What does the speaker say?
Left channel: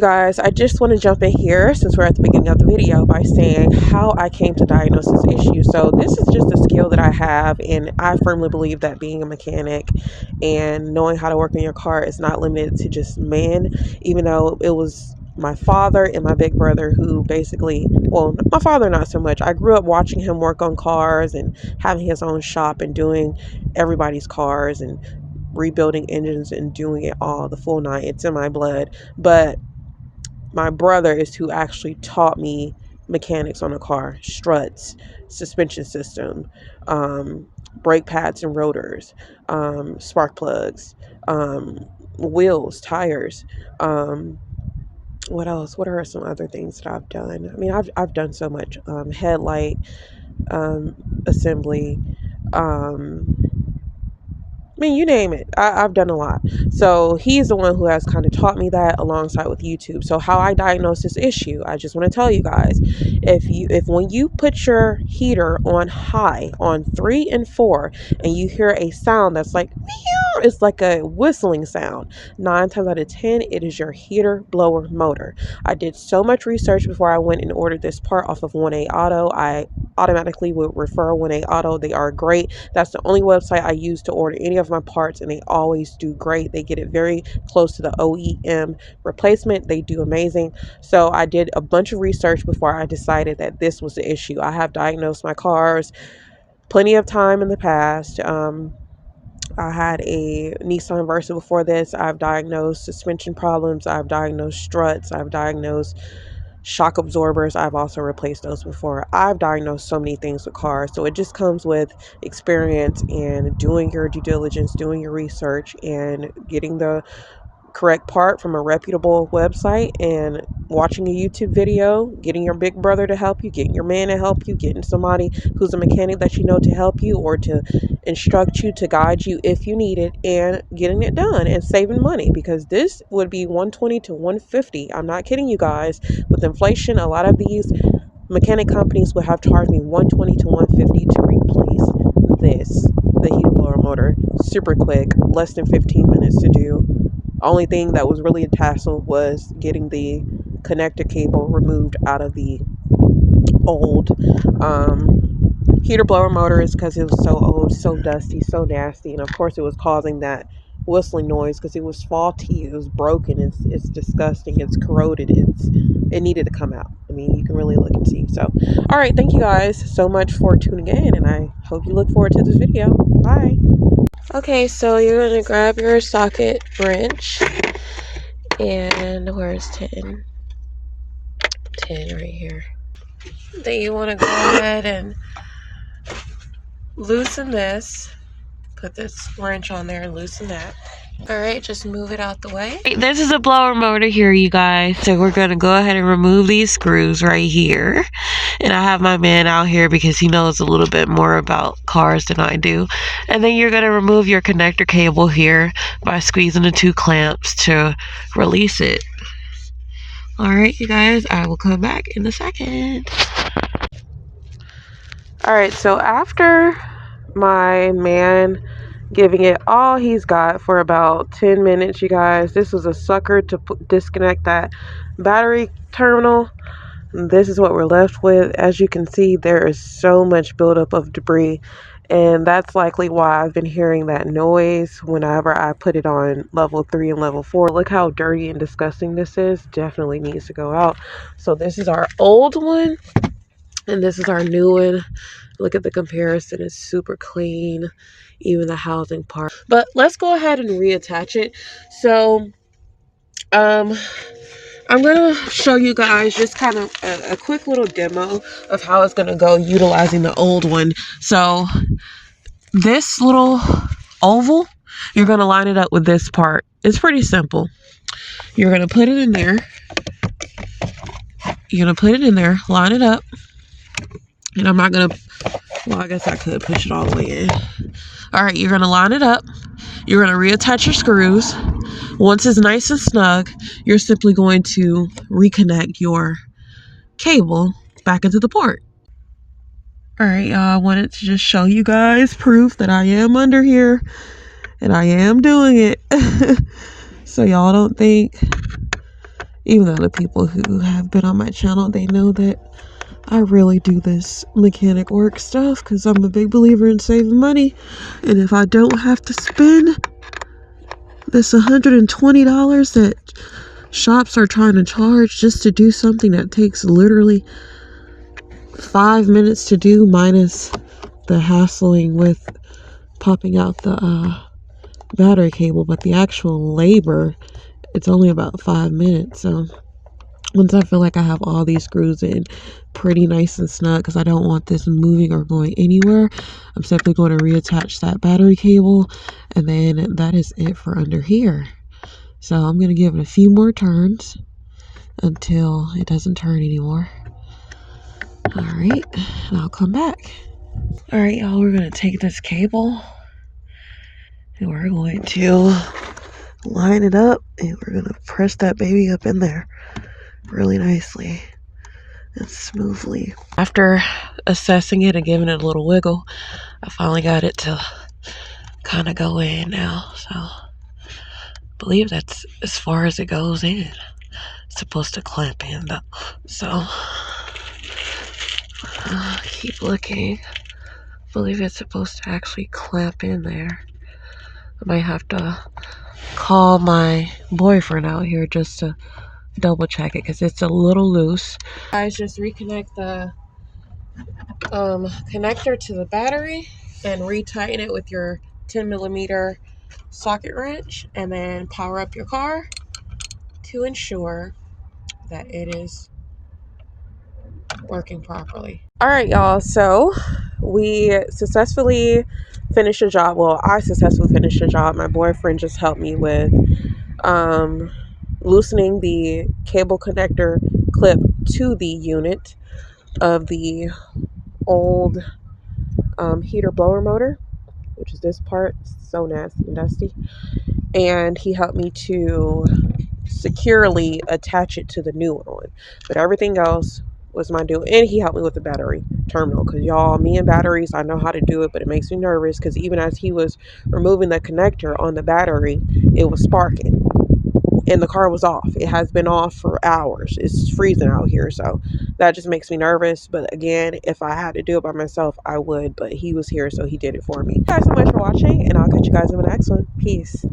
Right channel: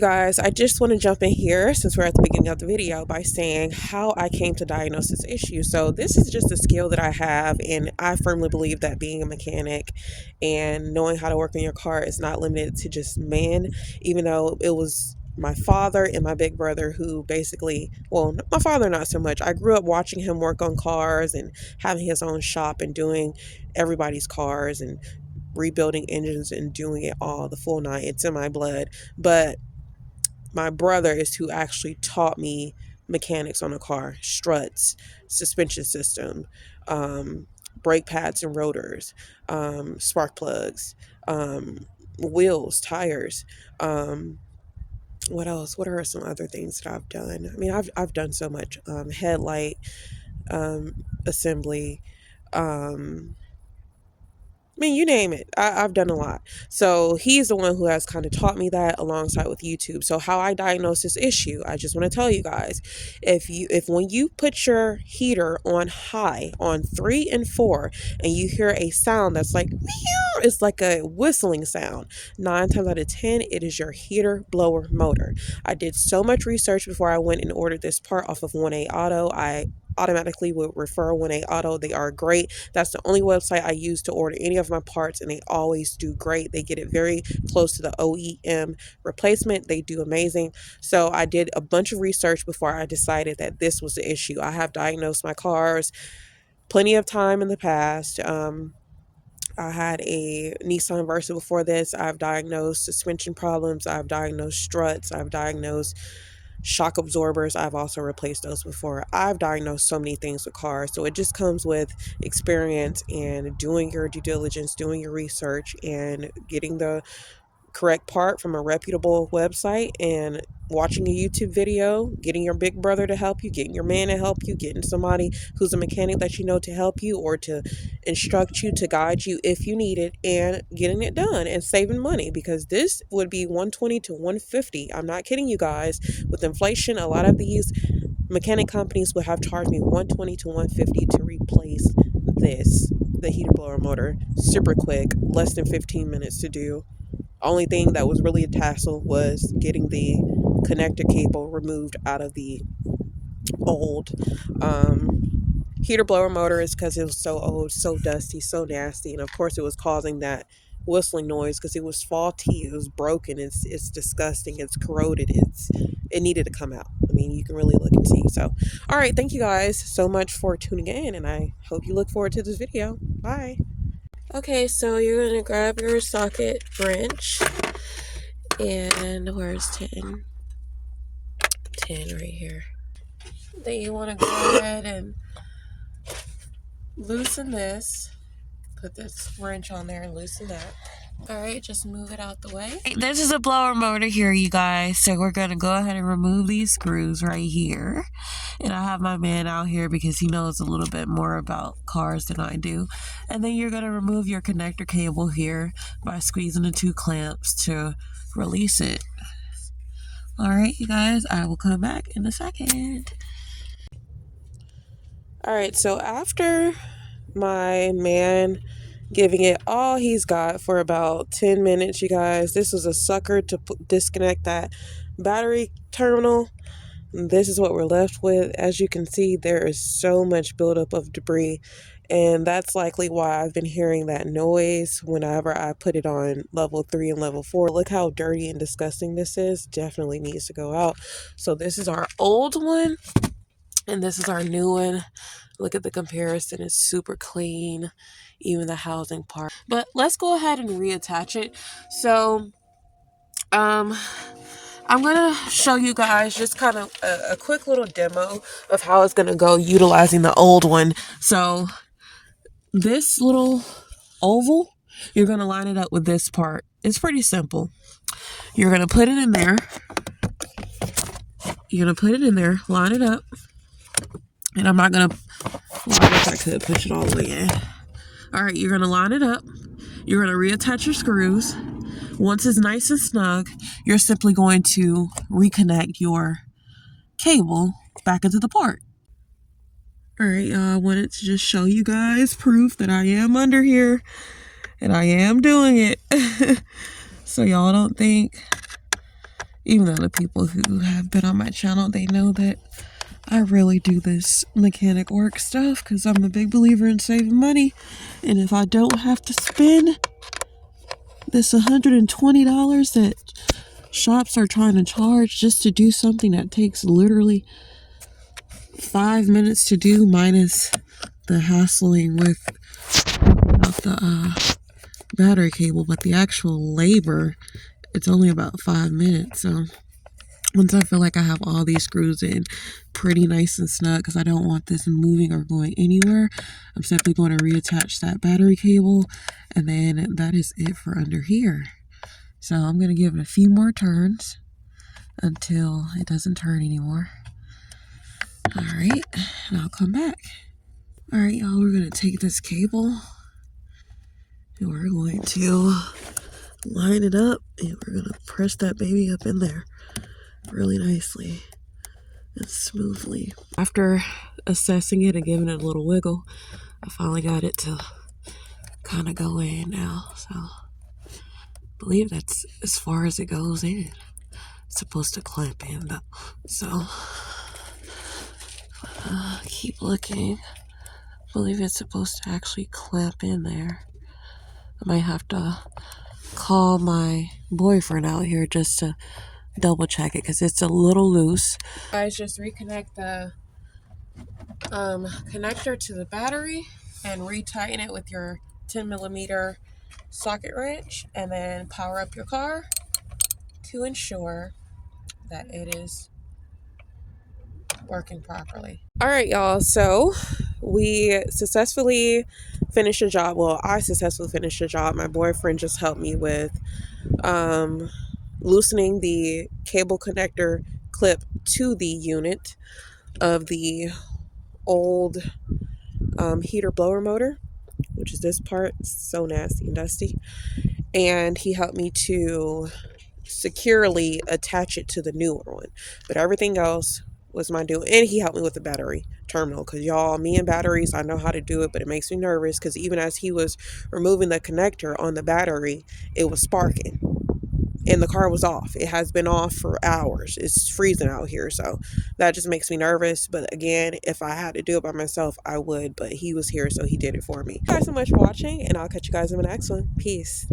Guys, I just want to jump in here since we're at the beginning of the video by saying how I came to diagnose this issue. So this is just a skill that I have, and I firmly believe that being a mechanic and knowing how to work on your car is not limited to just men, even though it was my father and my big brother who basically, well, my father not so much. I grew up watching him work on cars and having his own shop and doing everybody's cars and rebuilding engines and doing it all, the full nine. It's in my blood. But my brother is who actually taught me mechanics on a car: struts, suspension system, brake pads and rotors, spark plugs, wheels, tires. What else? What are some other things that I've done? I mean, I've done so much. Headlight assembly. I mean, you name it. I've done a lot. So he's the one who has kind of taught me that alongside with YouTube. So how I diagnose this issue, I just want to tell you guys, if when you put your heater on high on 3 and 4 and you hear a sound that's like, it's like a whistling sound, 9 times out of 10, it is your heater blower motor. I did so much research before I went and ordered this part off of 1A Auto. I automatically would refer 1A Auto. They are great. That's the only website I use to order any of my parts, and they always do great. They get it very close to the OEM replacement. They do amazing. So I did a bunch of research before I decided that this was the issue. I have diagnosed my cars plenty of time in the past. I had a Nissan Versa before this. I've diagnosed suspension problems. I've diagnosed struts. I've diagnosed shock absorbers. I've also replaced those before. I've diagnosed so many things with cars. So it just comes with experience and doing your due diligence, doing your research, and getting the correct part from a reputable website, and watching a YouTube video, getting your big brother to help you, getting your man to help you, getting somebody who's a mechanic that you know to help you or to instruct you, to guide you if you need it, and getting it done and saving money, because this would be $120 to $150. I'm not kidding you guys. With inflation, a lot of these mechanic companies would have charged me $120 to $150 to replace the heater blower motor. Super quick, less than 15 minutes to do. Only thing that was really a tassel was getting the connector cable removed out of the old heater blower motors, because it was so old, so dusty, so nasty, and of course it was causing that whistling noise because it was faulty, it was broken, it's disgusting, it's corroded, it needed to come out. I mean, you can really look and see. So, all right, thank you guys so much for tuning in, and I hope you look forward to this video. Bye. Okay, so you're going to grab your socket wrench, and where's 10? 10 right here. Then you want to go ahead and loosen this. Put this wrench on there and loosen that. Alright, just move it out the way. This is a blower motor here, you guys. So we're going to go ahead and remove these screws right here. And I have my man out here because he knows a little bit more about cars than I do. And then you're going to remove your connector cable here by squeezing the 2 clamps to release it. Alright, you guys, I will come back in a second. Alright, so after my man giving it all he's got for about 10 minutes, you guys, this was a sucker to disconnect that battery terminal. This is what we're left with. As you can see, there is so much buildup of debris, and that's likely why I've been hearing that noise whenever I put it on level 3 and level 4. Look how dirty and disgusting this is. Definitely needs to go out. So this is our old one, and this is our new one. Look at the comparison. It's super clean, even the housing part. But let's go ahead and reattach it. So I'm gonna show you guys just kind of a quick little demo of how it's gonna go utilizing the old one. So this little oval, you're gonna line it up with this part. It's pretty simple. You're gonna put it in there. You're gonna put it in there, line it up. And I'm not gonna, well, I guess I could push it all the way in. All right, you're gonna line it up. You're gonna reattach your screws. Once it's nice and snug, you're simply going to reconnect your cable back into the port. All right, y'all, I wanted to just show you guys proof that I am under here and I am doing it. So y'all don't think Even though the people who have been on my channel, they know that I really do this mechanic work stuff because I'm a big believer in saving money. And if I don't have to spend this $120 that shops are trying to charge just to do something that takes literally 5 minutes to do, minus the hassling with popping out the battery cable, but the actual labor, it's only about 5 minutes. So once I feel like I have all these screws in pretty nice and snug, because I don't want this moving or going anywhere, I'm simply going to reattach that battery cable, and then that is it for under here. So I'm going to give it a few more turns until it doesn't turn anymore. All right, and I'll come back. All right, y'all, we're going to take this cable and we're going to line it up, and we're going to press that baby up in there really nicely and smoothly. After assessing it and giving it a little wiggle, I finally got it to kind of go in now. So I believe that's as far as it goes in. It's supposed to clamp in though. So keep looking. I believe it's supposed to actually clamp in there. I might have to call my boyfriend out here just to double check it because it's a little loose. Guys, just reconnect the connector to the battery and retighten it with your 10mm socket wrench, and then power up your car to ensure that it is working properly. All right, y'all, so we successfully finished the job. Well, I successfully finished the job. My boyfriend just helped me with loosening the cable connector clip to the unit of the old heater blower motor, which is this part. It's so nasty and dusty. And he helped me to securely attach it to the newer one, but everything else was my doing. And he helped me with the battery terminal, because y'all, me and batteries, I know how to do it, but it makes me nervous because even as he was removing the connector on the battery, it was sparking and the car was off. It has been off for hours. It's freezing out here, so that just makes me nervous. But again, if I had to do it by myself, I would, but he was here, so he did it for me. Thank you guys so much for watching, and I'll catch you guys in the next one. Peace.